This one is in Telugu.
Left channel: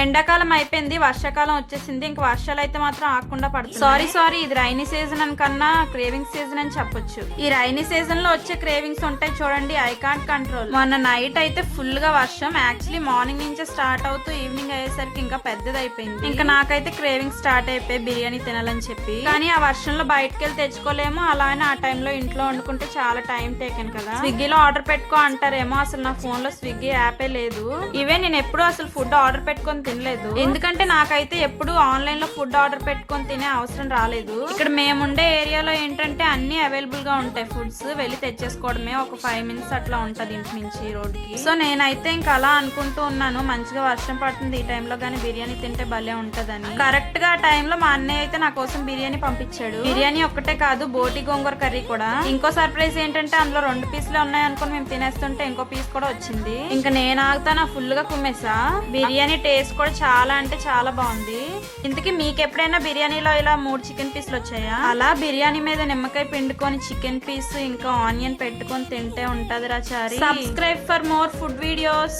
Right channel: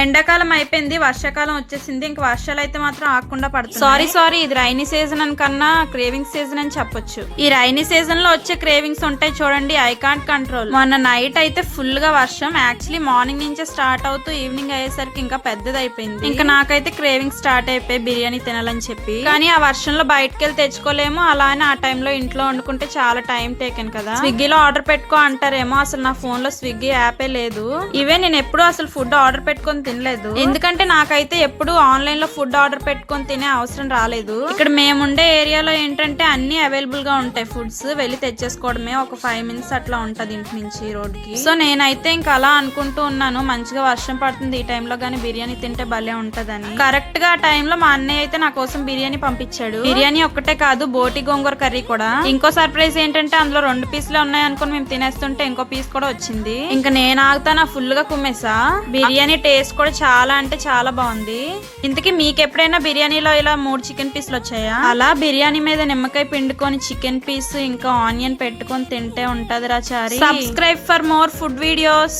ఎండాకాలం అయిపోయింది, వర్షాకాలం వచ్చేసింది. ఇంక వర్షాలు అయితే మాత్రం ఆగకుండా పడుతుంది. సారీ ఇది రైనీ సీజన్ అని కన్నా క్రేవింగ్ సీజన్ అని చెప్పొచ్చు. ఈ రైనీ సీజన్ లో వచ్చే క్రేవింగ్స్ ఉంటాయి చూడండి, ఐ కాంట్ కంట్రోల్. మొన్న నైట్ అయితే ఫుల్ గా వర్షం, యాక్చువల్లీ మార్నింగ్ నుంచే స్టార్ట్ అవుతూ ఈవినింగ్ అయ్యేసరికి ఇంకా పెద్దది అయిపోయింది. ఇంకా నాకైతే క్రేవింగ్ స్టార్ట్ అయిపోయి బిర్యానీ తినాలని చెప్పి. కానీ ఆ వర్షంలో బయటకు వెళ్ళి తెచ్చుకోలేము, అలానే ఆ టైంలో ఇంట్లో వండుకుంటే చాలా టైం టేకెన్ కదా. స్విగ్గీలో ఆర్డర్ పెట్టుకో అంటారేమో, అసలు నా ఫోన్ లో స్విగ్గీ యాపే లేదు. ఇవే నేను ఎప్పుడు అసలు ఫుడ్ ఆర్డర్ పెట్టుకొని తినలేదు, ఎందుకంటే నాకైతే ఎప్పుడు ఆన్లైన్ లో ఫుడ్ ఆర్డర్ పెట్టుకొని తినే అవసరం రాలేదు. ఇక్కడ మేముండే ఏరియాలో ఏంటంటే అన్ని అవైలబుల్ గా ఉంటాయి, ఫుడ్స్ వెళ్ళి తెచ్చేసుకోవడమే. ఒక 5 minutes అట్లా ఉంటది ఇంటి నుంచి రోడ్ కి. సో నేనైతే ఇంకా అలా అనుకుంటూ ఉన్నాను, మంచిగా వర్షం పడుతుంది ఈ టైంలో గానీ బిర్యానీ తింటే భలే ఉంటదని. కరెక్ట్ గా ఆ టైంలో మా అన్నయ్య అయితే నా కోసం బిర్యానీ పంపించాడు. బిర్యానీ ఒక్కటే కాదు, బోటి గోంగూర కర్రీ కూడా. ఇంకో సర్ప్రైజ్ ఏంటంటే అందులో 2 పీసులే ఉన్నాయి అనుకుని మేము తినేస్తుంటే ఇంకో పీస్ కూడా వచ్చింది. ఇంకా నేను ఆగుతానా ఫుల్ గా కుమ్మేసా. బిర్యానీ టేస్ట్ కూడా చాలా అంటే చాలా బాగుంది. ఇంతకీ మీకు ఎప్పుడైనా బిర్యానీలో ఇలా 3 చికెన్ పీసులు వచ్చాయా? అలా బిర్యానీ మీద నిమ్మకాయ పిండుకొని చికెన్ పీస్ ఇంకా ఆనియన్ పెట్టుకొని తింటే ఉంటది రా Chari. Subscribe for more food videos.